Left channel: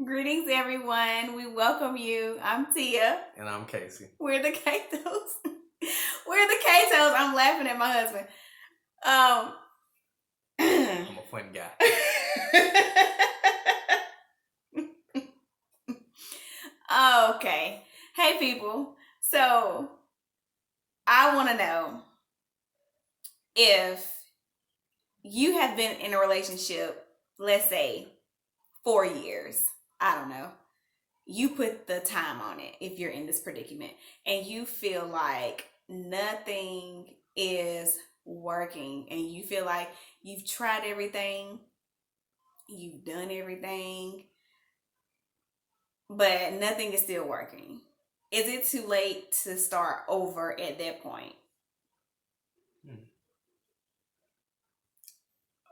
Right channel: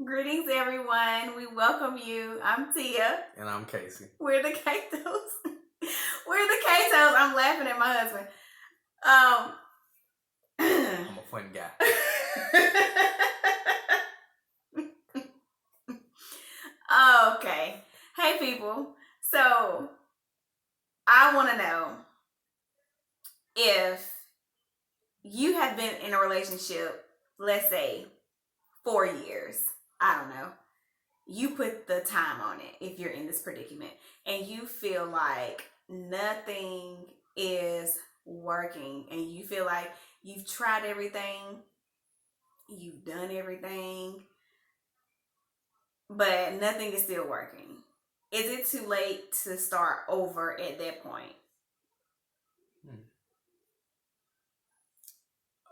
Greetings, everyone. We welcome you. I'm Tia. And I'm Casey. We're the Catos. We're the Catos. I'm laughing at my husband. Um. I'm a fun guy. Okay. Hey, people. So, I want to know if you have been in a relationship, let's say 4 years. I don't know. You put the time on it if you're in this predicament and you feel like nothing is working and you feel like you've tried everything, you've done everything, but nothing is still working. Is it too late to start over at that point?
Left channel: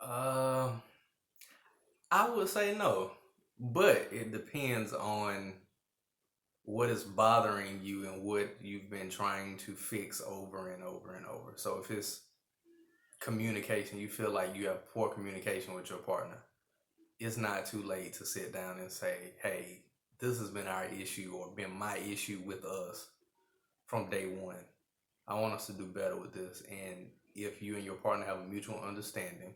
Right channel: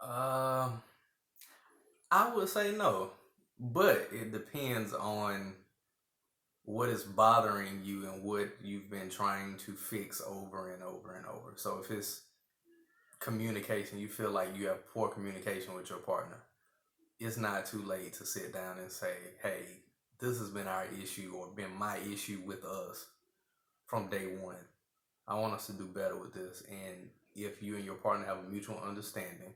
Um, I would say no, but it depends on what is bothering you and what you've been trying to fix over and over and over. So if it's communication, you feel like you have poor communication with your partner, it's not too late to sit down and say, hey, this has been our issue or been my issue with us from day one. I want us to do better with this. And if you and your partner have a mutual understanding,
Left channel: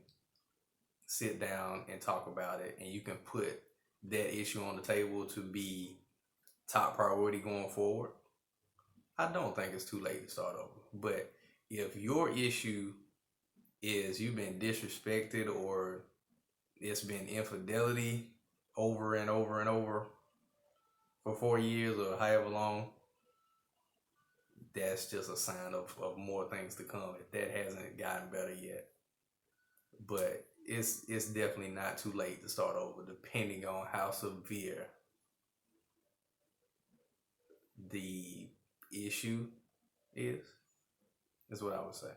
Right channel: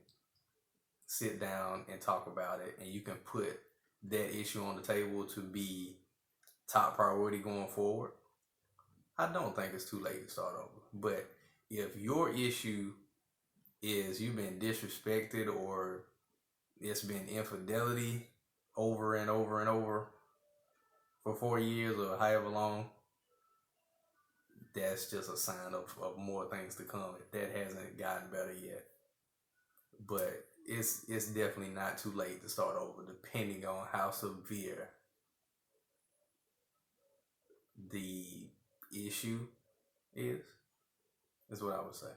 sit down and talk about it, and you can put that issue on the table to be top priority going forward, I don't think it's too late to start over. But if your issue is you've been disrespected or it's been infidelity over and over and over for 4 years or however long, that's just a sign of more things to come if that hasn't gotten better yet. But it's definitely not too late to start over, depending on how severe the issue is. Is what I would say.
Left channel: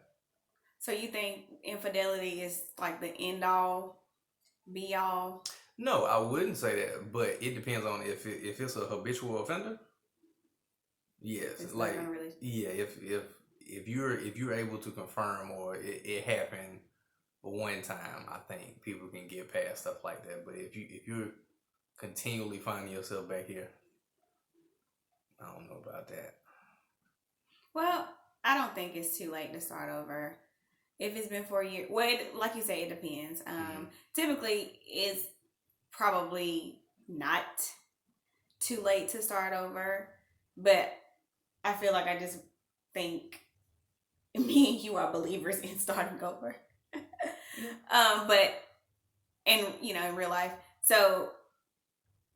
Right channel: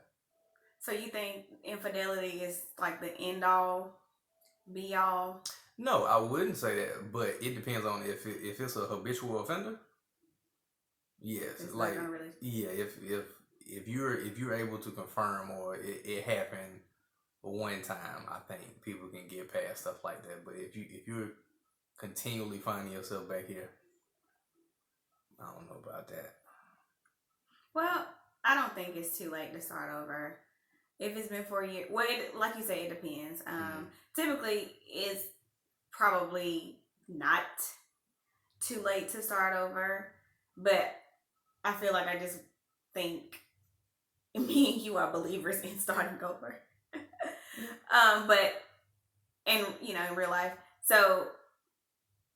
So you think infidelity is like the end all, be all? No, I wouldn't say that, but it depends on if it's a habitual offender. Yes, It's like not really. yeah, if you're able to confirm or it happened one time, I think people can get past stuff like that. But if you're continually finding yourself back here, I don't know about that. Well, I don't think it's too late to start over. If it's been 4 years, well, like you say, it depends. Typically, it's probably not too late to start over, but I feel like I just think me and you are believers in starting over. But in real life, so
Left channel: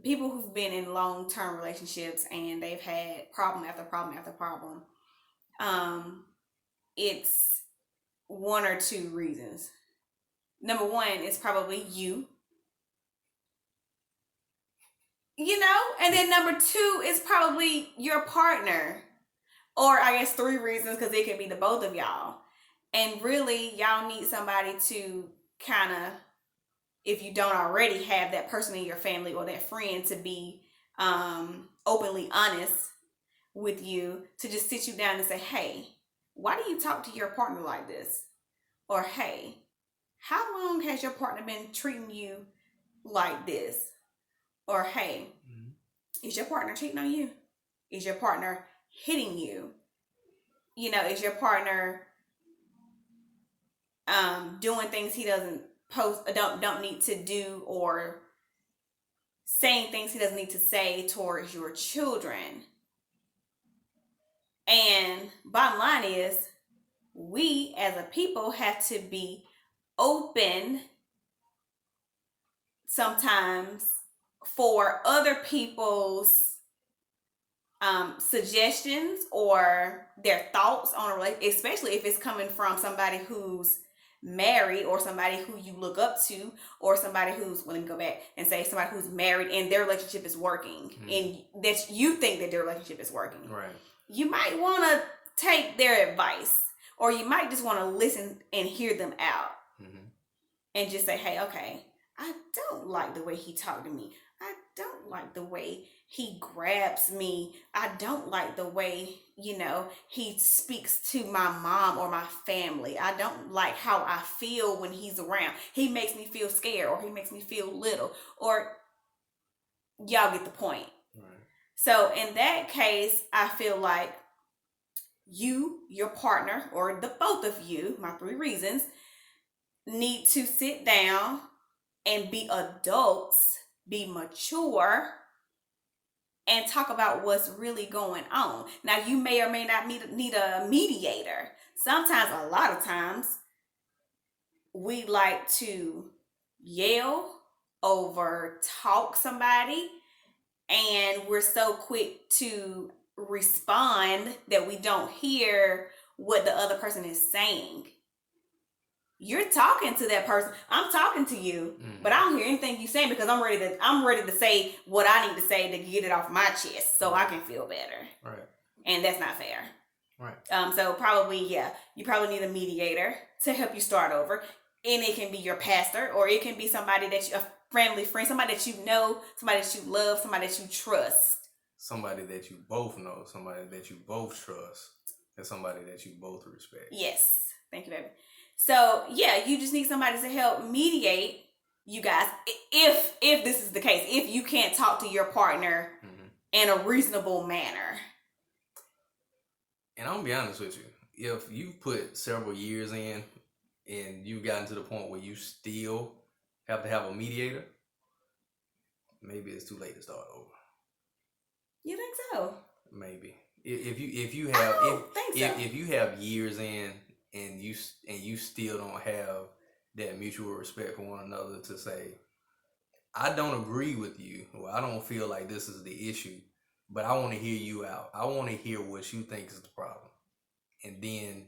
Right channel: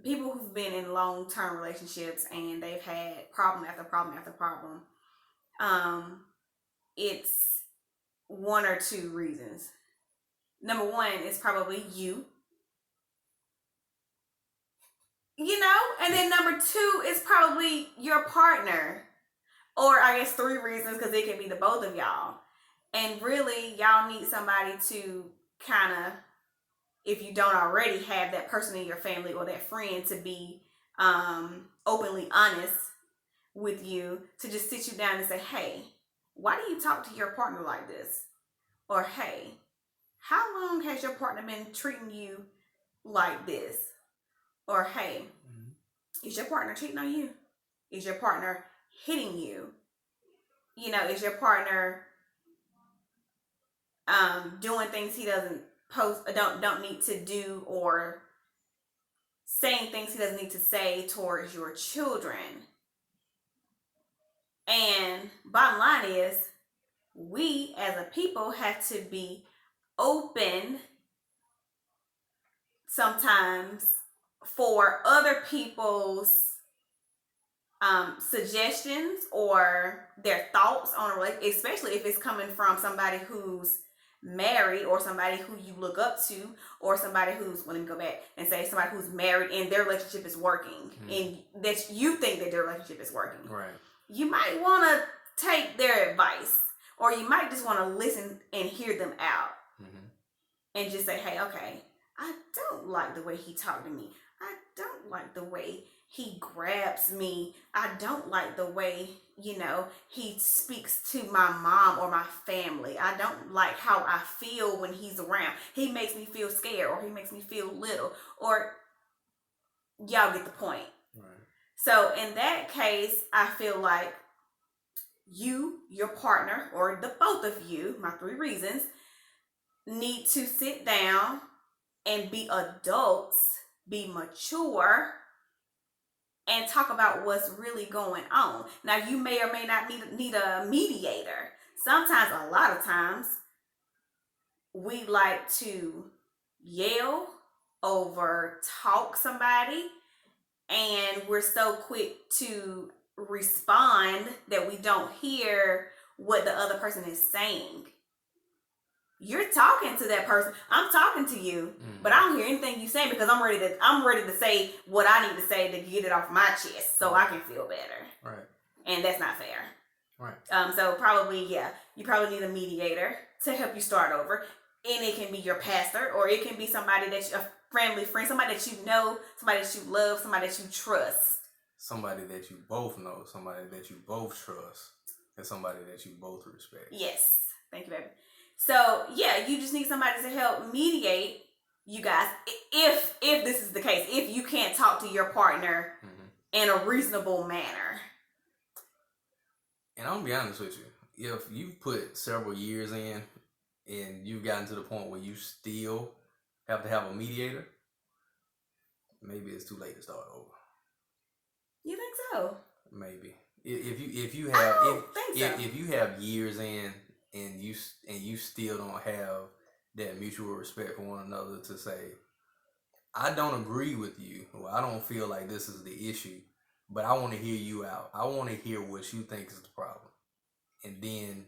people who've been in long term relationships and they've had problem after problem after problem, it's one or two reasons. Number one is probably and then number two is probably your partner. Or I guess three reasons because it could be the both of y'all. And really, y'all need somebody to kind of, if you don't already have that person in your family or that friend to be openly honest with you, to just sit you down and say, hey, why do you talk to your partner like this? Or hey, how long has your partner been treating you like this? Or hey, is your partner cheating on you? Is your partner hitting you? Is your partner doing things he doesn't don't need to do, or saying things he doesn't need to say towards your children? And bottom line is, we as a people have to be open sometimes for other people's suggestions or their thoughts on a relationship, especially if it's coming from somebody who's married or somebody who you look up to, or somebody who's, let me go back and say, somebody who's married and their relationship is working, and that you think that their relationship is working. Right. You might want to take their advice, or you might just want to listen and hear them out, and just say, hey, okay, I don't like the way he talked to me. I don't like the way he grabs me. I don't like the way, he speaks to my mom or my family. I don't like how I feel when he's around. He makes me feel scared, or he makes me feel little, or y'all get the point. Right. So in that case, I feel like you, your partner, or the both of you, my 3 reasons, need to sit down and be adults, be mature, and talk about what's really going on. Now, you may or may not need a mediator. Sometimes, a lot of times, we like to yell over talk somebody, and we're so quick to respond that we don't hear what the other person is saying. You're talking to that person. I'm talking to you, but I don't hear anything you saying because I'm ready to say what I need to say to get it off my chest so I can feel better. Right. And that's not fair. Right. So probably, you probably need a mediator to help you start over. And it can be your pastor, or it can be somebody a family friend, somebody that you know, somebody that you love, somebody that you trust. Somebody that you both know, somebody that you both trust, and somebody that you both respect. Yes. Thank you, baby. So, you just need somebody to help mediate you guys if this is the case, if you can't talk to your partner in a reasonable manner. And I'm going to be honest with you. If you've put several years in and you've gotten to the point where you still have to have a mediator, maybe it's too late to start over. You think so? Maybe. If you have years in and you still don't have that mutual respect for one another to say, I don't agree with you, or I don't feel like this is the issue, but I want to hear you out. I want to hear what you think is the problem. And then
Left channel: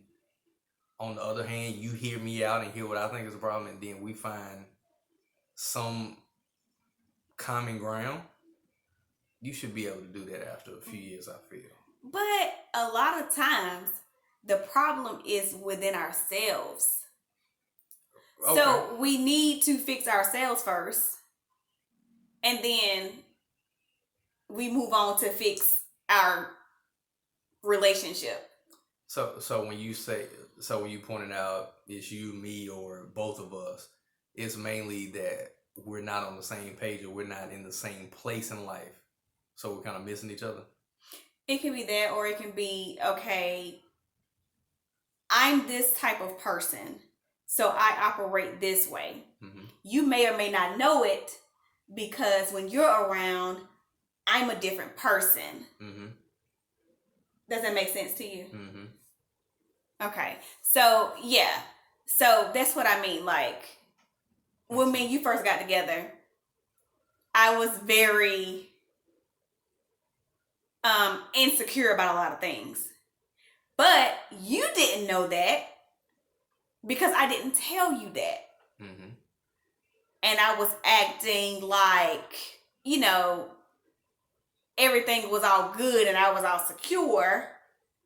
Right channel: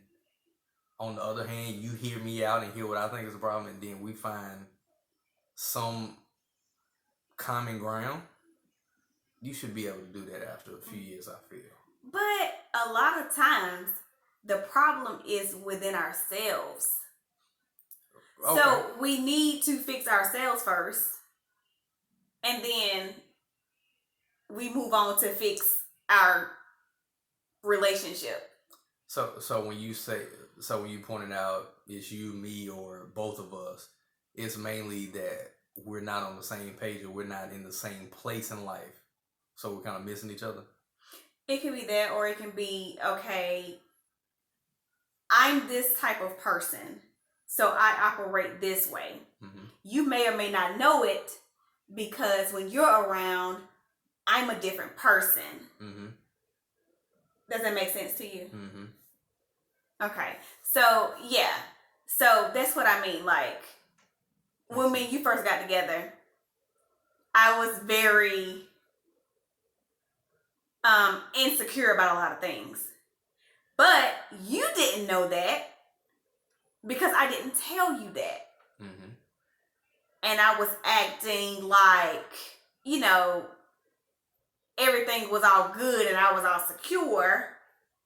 on the other hand, you hear me out and hear what I think is the problem, and then we find some common ground. You should be able to do that after a few years, I feel. But a lot of times, the problem is within ourselves. Okay. So we need to fix ourselves first, and then we move on to fix our relationship. So when you pointed out it's you, me, or both of us, it's mainly that we're not on the same page or we're not in the same place in life. So we're kind of missing each other. It can be that, or it can be, okay, I'm this type of person, so I operate this way. Mm-hmm. You may or may not know it because when you're around, I'm a different person. Mm-hmm. Does that make sense to you? Mm-hmm. Okay. So, So that's what I mean. Like, when me and you first got together, I was very insecure about a lot of things. But you didn't know that because I didn't tell you that. Mm-hmm. And I was acting like, everything was all good and I was all secure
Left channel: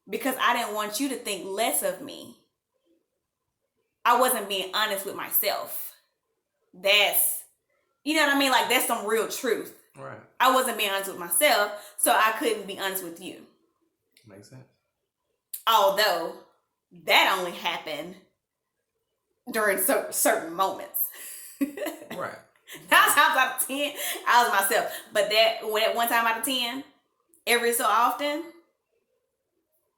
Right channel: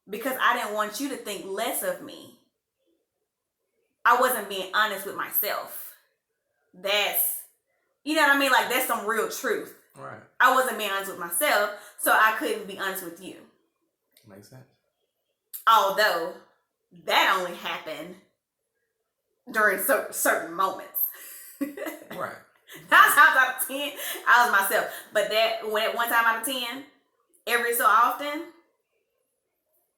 because I didn't want you to think less of me. I wasn't being honest with myself. That's, you know what I mean? Like, that's some real truth. Right. I wasn't being honest with myself, so I couldn't be honest with you. Makes sense. Although that only happened during certain moments. Right. 9 times out of 10, I was myself. But at 1 time out of 10, every so often,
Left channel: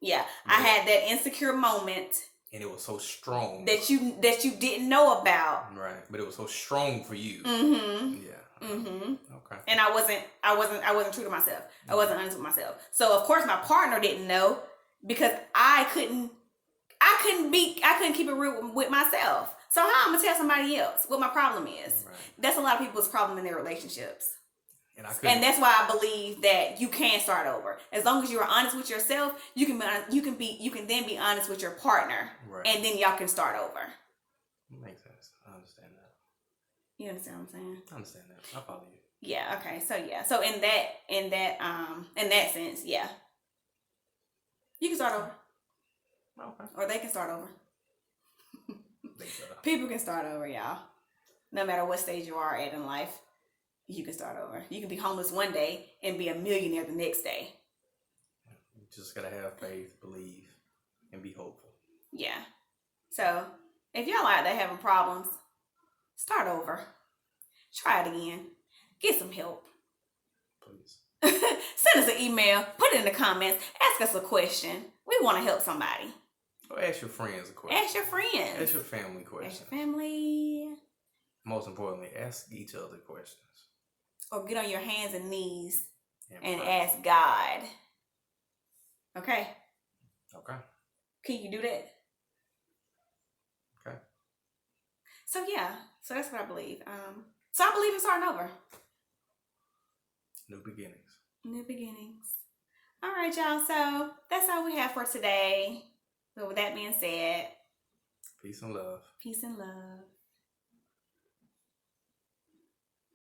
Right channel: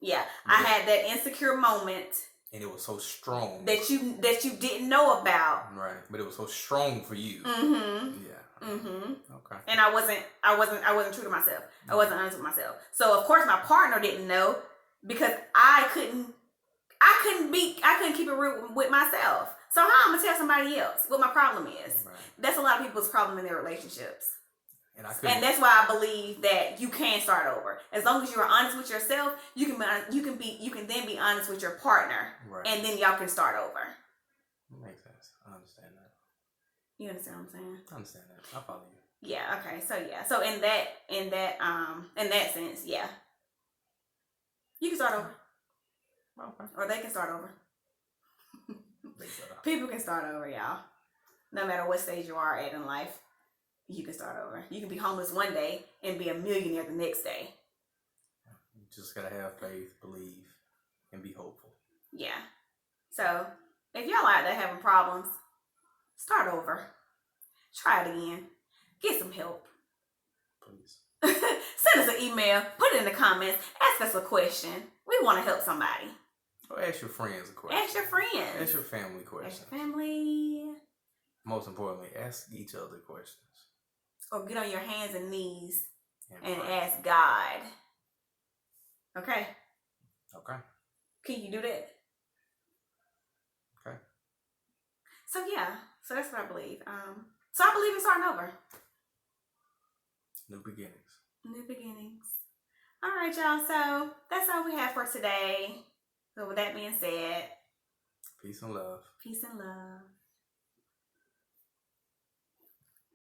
I had that insecure moment. And it was so strong that you didn't know about. Right. But it was so strong for you. Mm-hmm. Yeah. Mm-hmm. Okay. And I wasn't true to myself. I wasn't honest with myself. So of course my partner didn't know because I couldn't keep it real with myself. So how I'm gonna tell somebody else what my problem is? Right. That's a lot of people's problem in their relationships. And that's why I believe that you can start over. As long as you are honest with yourself, you can then be honest with your partner, right. And then y'all can start over. Makes sense. I understand that. You understand what I'm saying? I understand that. I follow you. Yeah. Okay. So in that sense, you can start over. Okay. Or they can start over. People can start over, y'all. No matter what stage you are at in life. You can start over. You can be homeless one day and be a millionaire the next day. You just gotta have faith, believe, and be hopeful. Yeah. So, if y'all out there having problems, start over. Try it again. Get some help. please. Send us an email. Put it in the comments. Ask us a question. We want to help somebody. Or ask your friends a question. Ask your friends. Ask your family questions. Ask your family. Most importantly, ask each other questions. Or get on your hands and knees and pray. ask God. Okay? Okay. Can you do that? Okay. So yeah, so that's what I believe. So I believe in starting over. New beginnings. New beginnings. All right, y'all. So that's all we have for today. So with that being said, Peace and love. peace and love.